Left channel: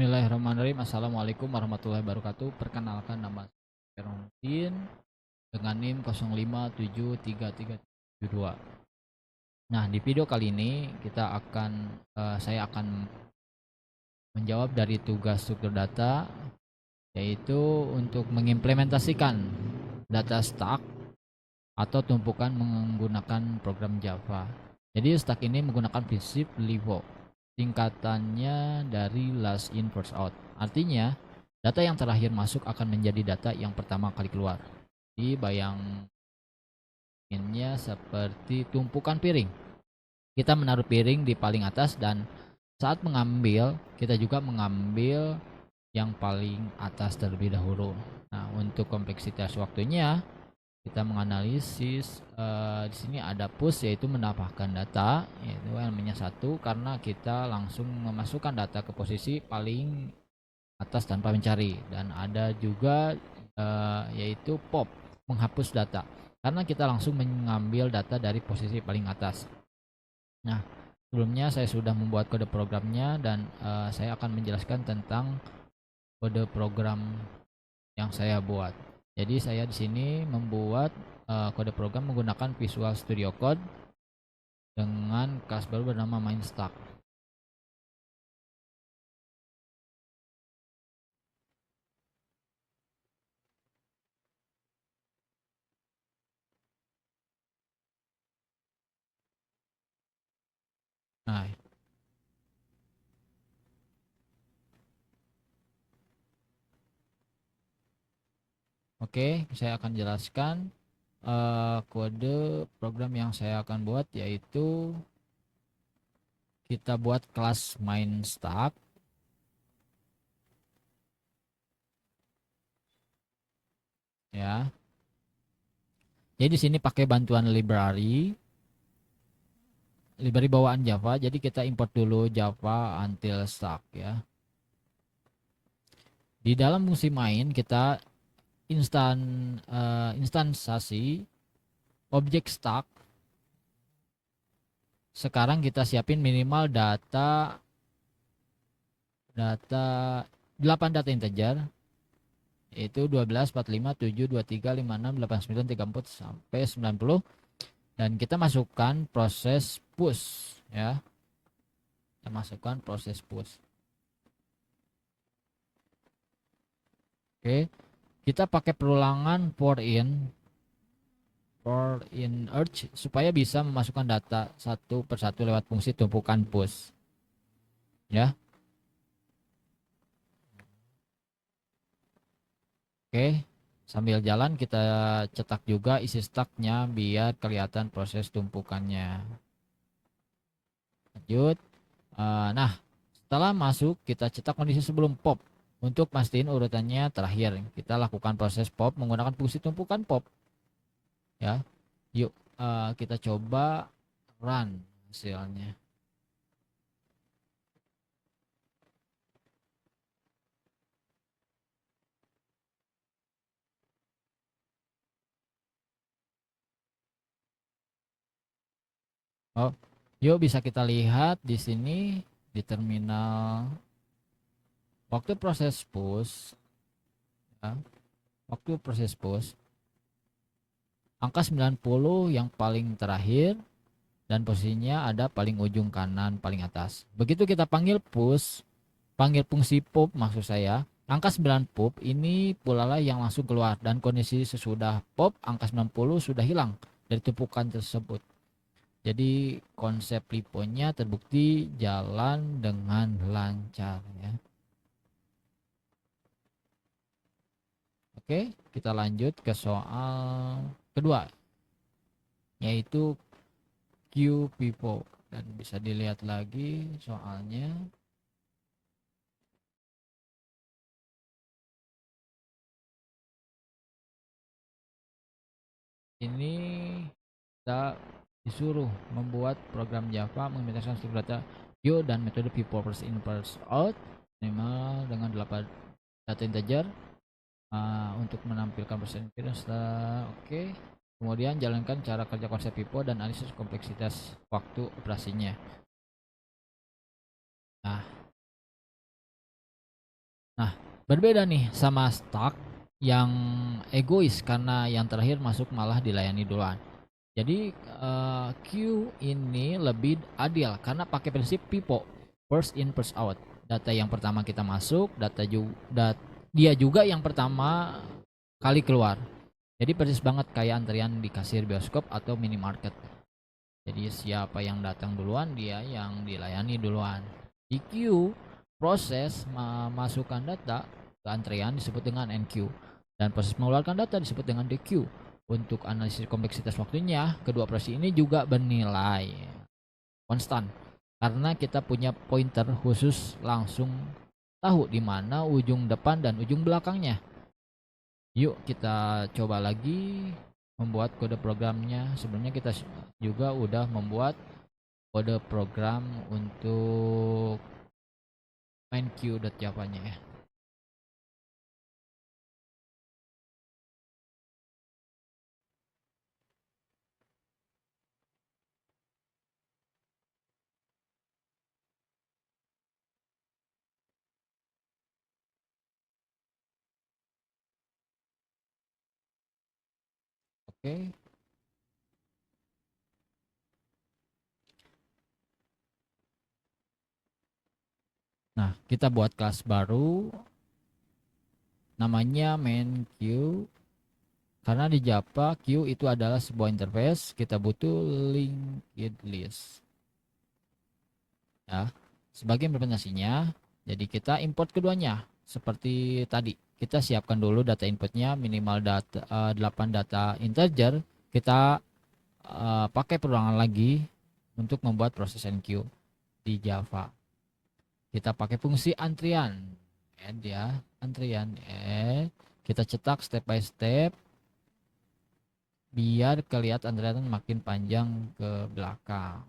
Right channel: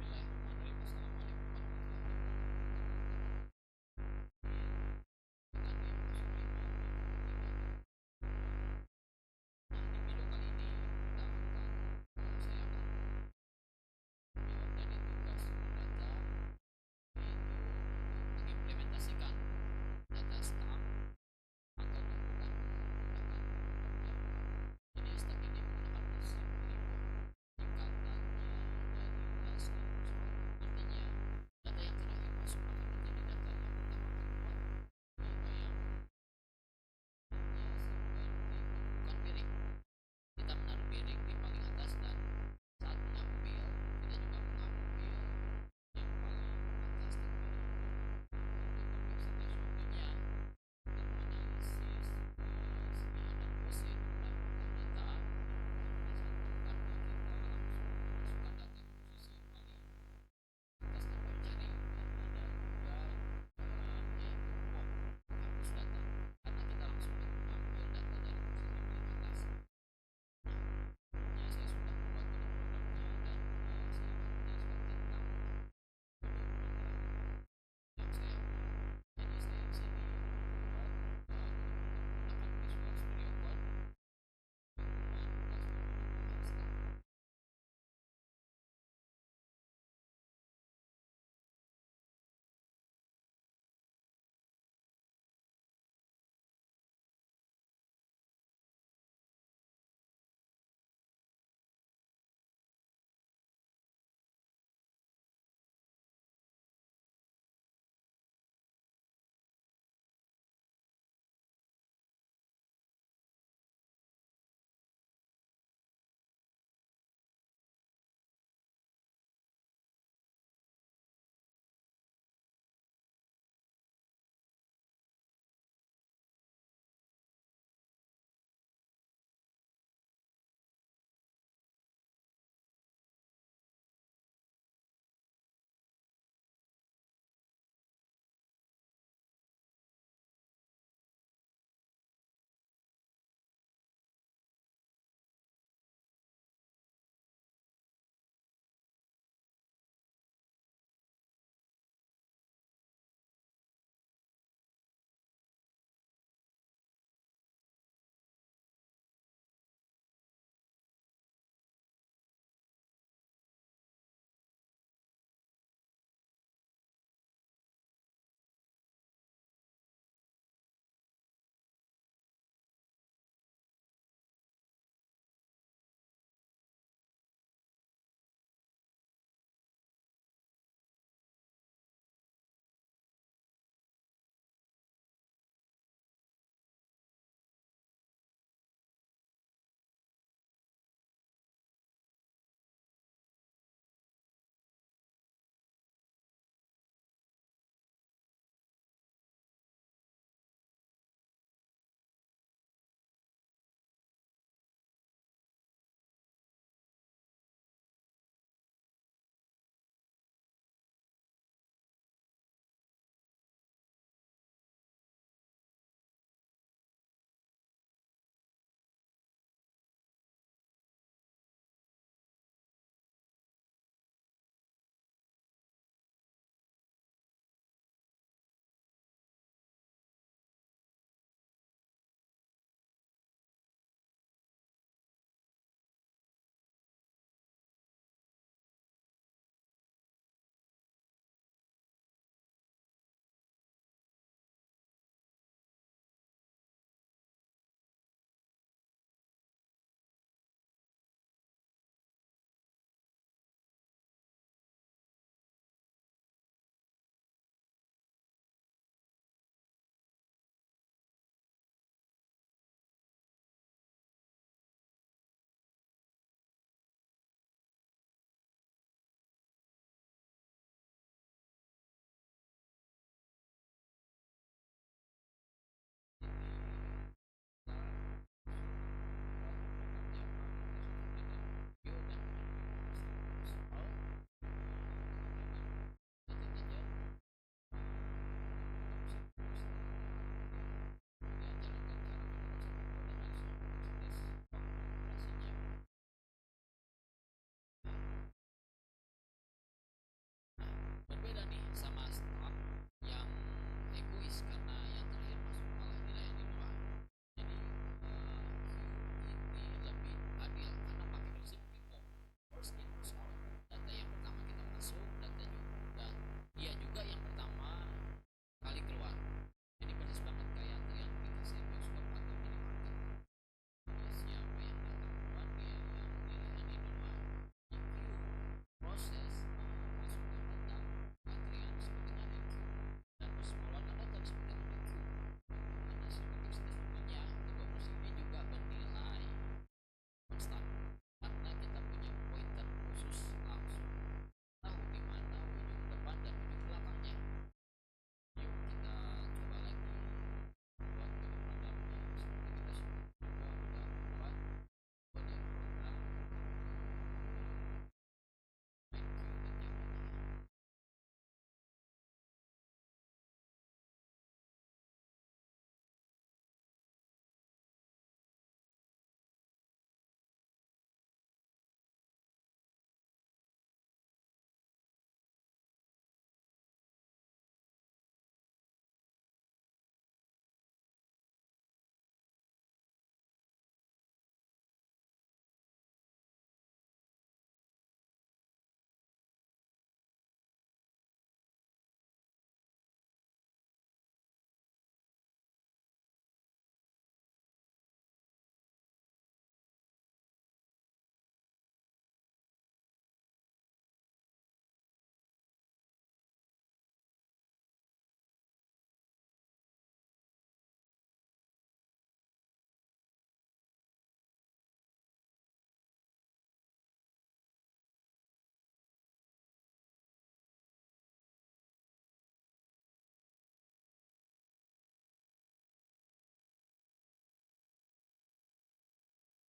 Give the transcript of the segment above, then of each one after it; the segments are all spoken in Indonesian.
Bismillahirrahmanirrahim. Assalamualaikum warahmatullahi wabarakatuh. Perkenalkan, nama saya Romadin dengan NIM 05733372. Nah, di video kali ini saya akan menjawab dari tugas struktur data, yaitu untuk mengimplementasikan data stack atau tumpukan menggunakan program Java. Jadi stack ini menggunakan prinsip LIFO, singkatannya dari last in first out. Artinya data yang terakhir masuk akan menjadi data yang pertama kali keluar. Jadi bayanginnya seperti tumpukan piring. Kita menaruh piring di paling atas, dan saat mengambil kita juga mengambil yang paling atas terlebih dahulu. Nah, untuk kompleksitas waktunya kita menganalisis, di sini ada push, yaitu menambahkan data, yaitu namanya satu, karena kita langsung memasukkan data ke posisi paling atas tanpa mencari. Dan ada juga yaitu pop, menghapus data, karena kita langsung mengambil data dari posisi paling atas. Nah, sebelumnya saya sudah membuat kode programnya, dan saya akan menjelaskan tentang kode program yang saya buat. Jadi saya di sini membuat kode program menggunakan Visual Studio Code dengan kelas baru bernama MainStack. Nah, oke, saya akan jelaskan kode program yang saya akan buat, yaitu kita buat kelas MainStack, ya. Jadi di sini pakai bantuan library bawaan Java. Jadi kita import dulu Java until stack, ya. Di dalam fungsi main kita instansasi objek stack. Sekarang kita siapin minimal data 8 data integer, yaitu 12, 45, 7, 23, 56, 89, 34 sampai 90, dan kita masukkan proses push, ya. Kita masukkan proses push. Oke, kita pakai perulangan for in urge supaya bisa memasukkan data satu persatu lewat fungsi tumpukan push, ya. Oke, sambil jalan kita cetak juga isi stacknya biar kelihatan proses tumpukannya. Lanjut. Nah, setelah masuk kita cetak kondisi sebelum pop. Untuk pastiin urutannya terakhir, kita lakukan proses pop menggunakan fungsi tumpukan pop, ya. Yuk, kita coba run hasilnya. Oh, yuk, bisa kita lihat di sini di terminal waktu proses push, ya. Waktu proses push angka 90 yang paling terakhir, dan posisinya ada paling ujung kanan paling atas. Begitu kita panggil fungsi pop, maksud saya, angka 9 pop ini pula lah yang langsung keluar, dan kondisi sesudah pop angka 90 sudah hilang dari tumpukan tersebut. Jadi konsep liponya terbukti jalan dengan lancar, ya. Oke, kita lanjut ke soal kedua, yaitu QPIVO, dan bisa dilihat lagi soalnya. Ini kita disuruh membuat program Java mengimplementasikan struktur data view dan metode people first in first out minimal dengan 8 data integer untuk menampilkan persen appearance. Oke. Kemudian jalankan cara kerja konsep pipo dan analisis kompleksitas waktu operasinya. Nah, Nah, berbeda nih sama Stack yang egois karena yang terakhir masuk malah dilayani duluan. Jadi queue ini lebih adil karena pakai prinsip PIPO, first in first out. Data yang pertama kita masuk, dia juga yang pertama kali keluar. Jadi persis banget kayak antrian di kasir bioskop atau minimarket. Jadi siapa yang datang duluan dia yang dilayani duluan. Di queue, proses memasukkan data ke antrean disebut dengan NQ dan proses mengeluarkan data disebut dengan DQ. Untuk analisis kompleksitas waktunya, kedua operasi ini juga bernilai konstan karena kita punya pointer khusus langsung tahu di mana ujung depan dan ujung belakangnya. Yuk kita coba lagi membuat kode programnya. Sebenarnya kita juga udah membuat kode program untuk main Q.java-nya ya. Oke. Nah, kita buat kelas baru namanya main Q. Karena di Java Q itu adalah sebuah interface, kita butuh linked list. Ya. Sebagai implementasinya, jadi kita import keduanya seperti tadi. Kita siapkan dulu data inputnya minimal 8 data integer. Kita pakai perulangan lagi untuk membuat proses enqueue di Java. Kita pakai fungsi antrian, add ya, antrian kita cetak step by step biar kelihatan antrian makin panjang ke belakang.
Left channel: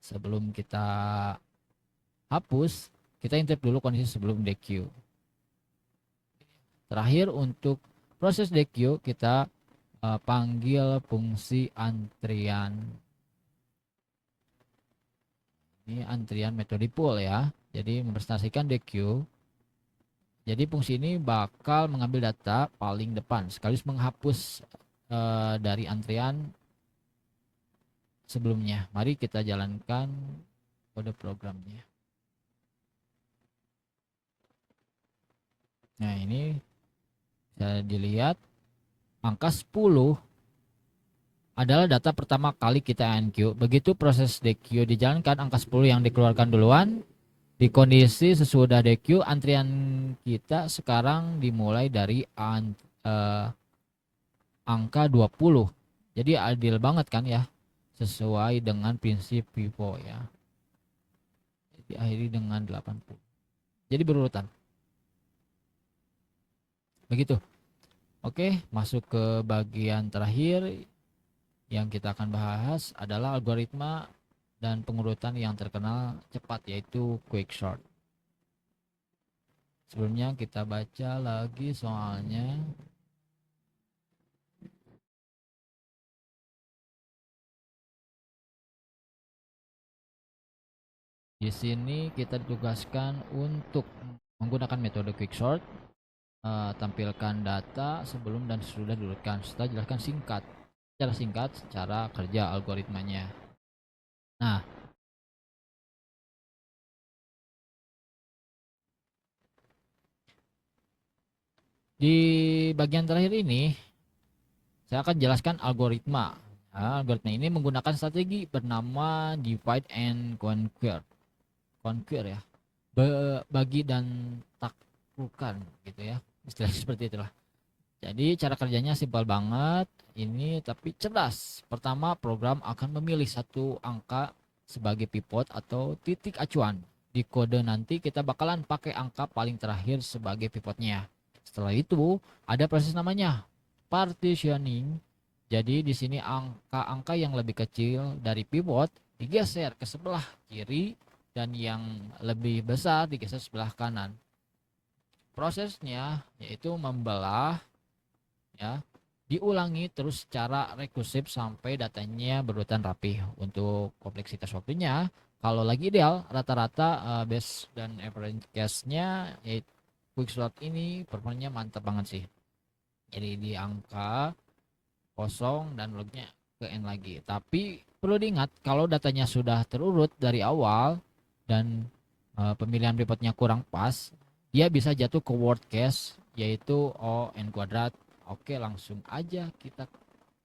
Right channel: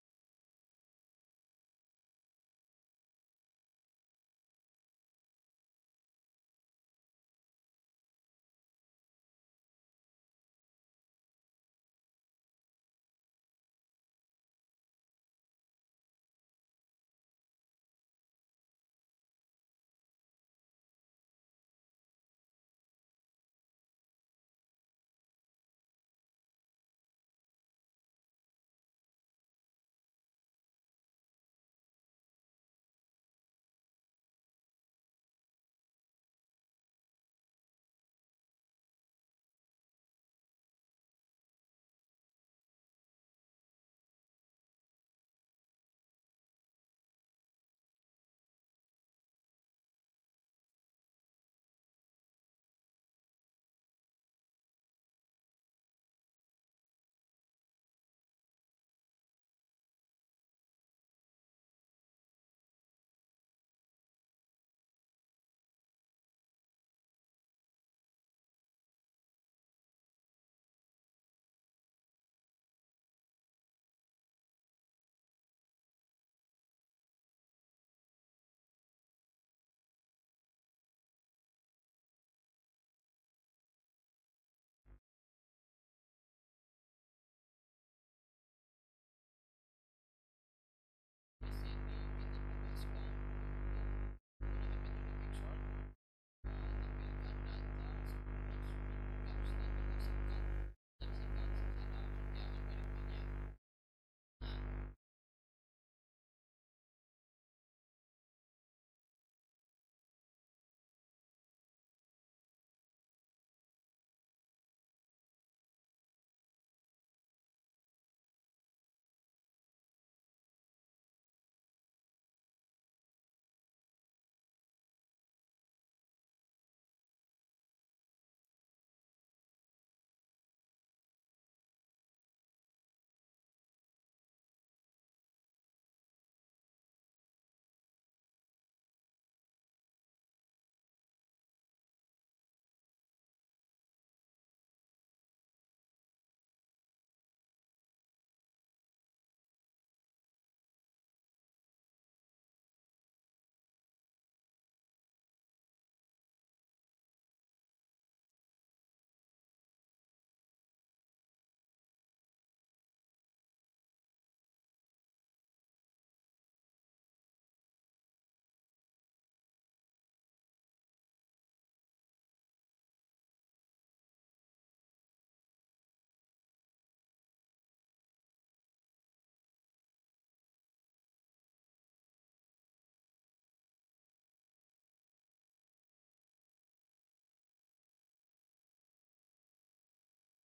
Sebelum kita hapus, kita intip dulu kondisi sebelum DQ. Terakhir untuk proses DQ kita panggil fungsi antrian. Ini antrian metode pull ya. Jadi mempresentasikan DQ. Jadi fungsi ini bakal mengambil data paling depan sekaligus menghapus dari antrian sebelumnya. Mari kita jalankan kode programnya. Nah, ini bisa dilihat angka 10 adalah data pertama kali kita NQ. Begitu proses DQ dijalankan, angka 10 yang dikeluarkan duluan. Di kondisi sesudah DQ, antrian kita sekarang dimulai dari angka 20. Jadi adil banget kan ya, sesuai dengan prinsip FIFO ya. Diakhiri dengan 80. Jadi berurutan. Begitu. Oke, masuk ke bagian terakhir yang kita akan bahas adalah algoritma dan pengurutan yang terkenal cepat yaitu quicksort. Sebelumnya kita baca lagi soalnya. Di sini kita ditugaskan untuk menggunakan metode quicksort, tampilkan data sebelum dan sesudah diurutkan. Setelah jelaskan secara singkat cara kerja algoritmanya. Nah, di bagian terakhir ini saya akan jelaskan algoritma. Nah, algoritma ini menggunakan strategi bernama divide and conquer. Conquer ya. Bagi dan taklukan gitu ya. Istilah seperti itulah. Jadi cara kerjanya simpel banget ini tapi cerdas. Pertama, program akan memilih satu angka sebagai pivot atau titik acuan. Di kode nanti kita bakalan pakai angka paling terakhir sebagai pivotnya. Setelah itu ada proses namanya partitioning. Jadi di sini angka-angka yang lebih kecil dari pivot digeser ke sebelah kiri dan yang lebih besar digeser sebelah kanan. Prosesnya yaitu membelah ya, diulangi terus secara rekursif sampai datanya berurutan rapi. Untuk kompleksitas waktunya kalau lagi ideal rata-rata base dan average case-nya quicksort ini performanya mantap banget sih. Jadi di angka kosong dan lognya ke N lagi. Tapi perlu diingat kalau datanya sudah terurut dari awal dan pemilihan pivotnya kurang pas, dia bisa jatuh ke word case yaitu O N kuadrat. Oke, langsung aja kita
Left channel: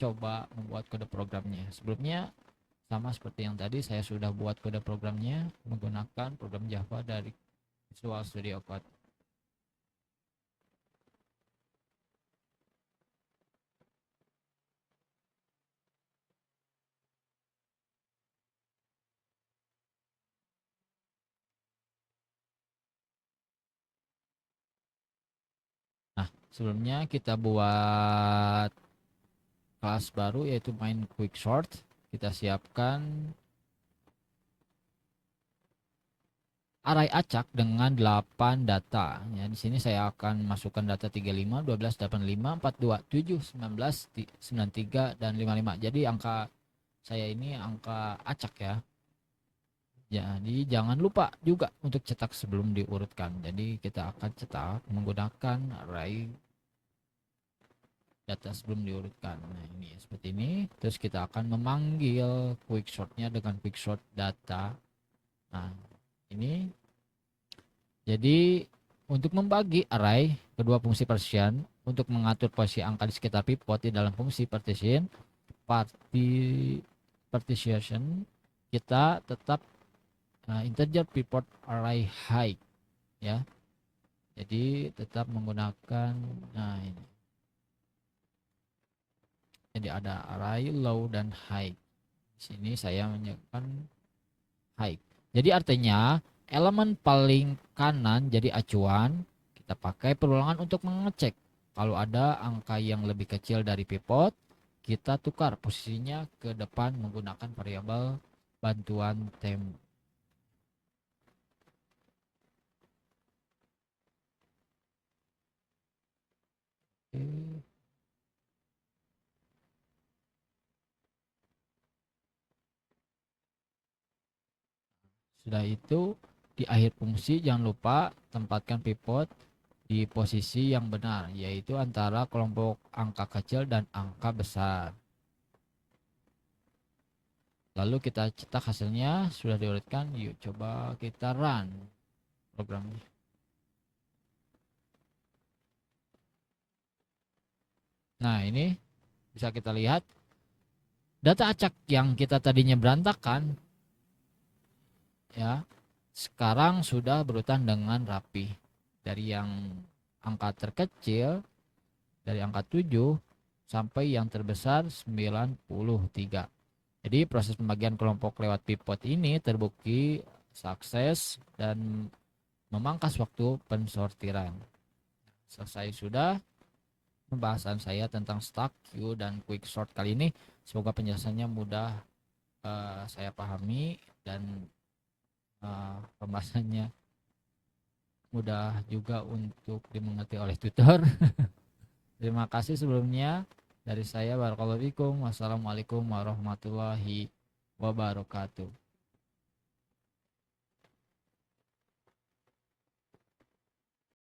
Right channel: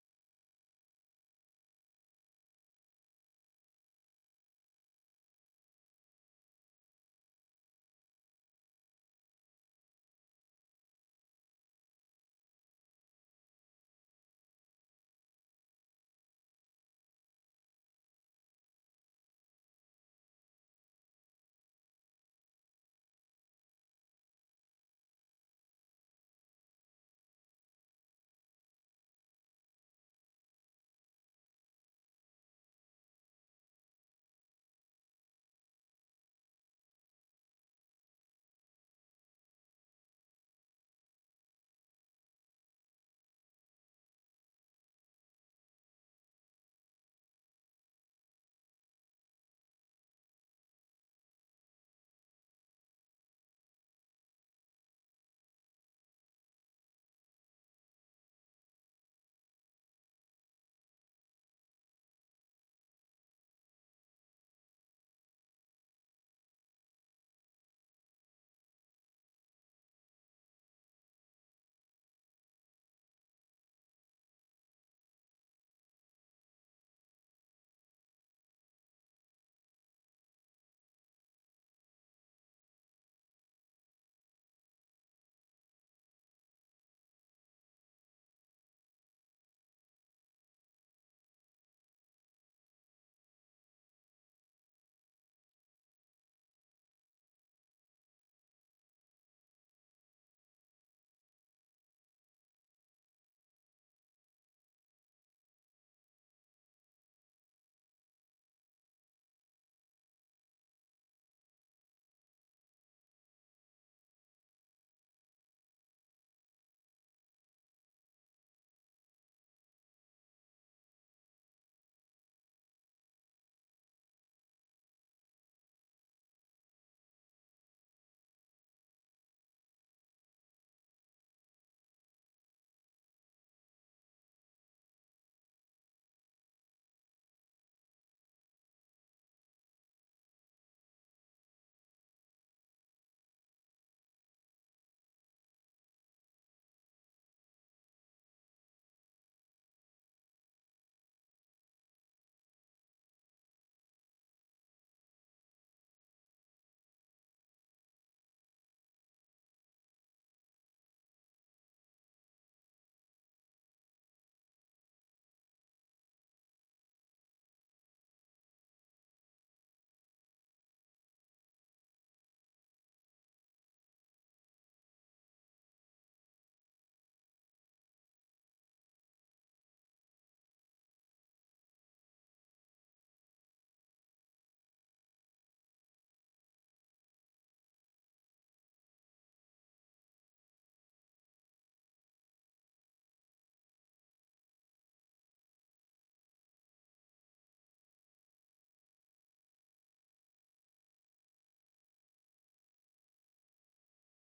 coba membuat kode programnya. Sebelumnya sama seperti yang tadi, saya sudah buat kode programnya menggunakan program Java dari Visual Studio Code. Nah, sebelumnya kita buat kelas baru yaitu main quicksort. Kita siapkan array acak dengan 8 data. Ya, di sini saya akan masukkan data 35, 12, 85, 42, 7, 19, 93 dan 55. Jadi angka saya ini angka acak ya. Jadi jangan lupa juga untuk cetak sebelum diurutkan. Jadi kita akan cetak menggunakan array data sebelum diurutkan. Nah, ini seperti ini. Terus kita akan memanggil quicksortnya dengan quicksort data. Nah, ini jadi untuk membagi array kedua fungsi partition untuk mengatur posisi angka di sekitar pivot di dalam fungsi partition partition kita tetap integer pivot array height ya. Jadi tetap menggunakan ini. Jadi ada array low dan high. Di sini saya menyebutkan high. Jadi artinya elemen paling kanan jadi acuan, kita pakai perulangan untuk mengecek. Kalau ada angka yang lebih kecil dari pivot, kita tukar posisinya ke depan menggunakan variabel bantuan temp. Oke. Sudah itu di akhir fungsi jangan lupa tempatkan pivot di posisi yang benar, yaitu antara kelompok angka kecil dan angka besar. Lalu kita cetak hasilnya sudah diurutkan. Yuk coba kita run programnya. Nah, ini bisa kita lihat data acak yang kita tadinya berantakan ya, sekarang sudah berurutan dengan rapi. Dari yang angka terkecil dari angka 7 sampai yang terbesar 93. Jadi proses pembagian kelompok lewat pivot ini terbukti sukses dan memangkas waktu pensortiran. Selesai sudah pembahasan saya tentang stack, queue, dan quicksort kali ini. Semoga penjelasannya mudah saya pahami dan pembahasannya mudah juga untuk dimengerti oleh tutor. Terima kasih sebelumnya dari saya. Barakallahu fikum. Wassalamualaikum warahmatullahi wabarakatuh.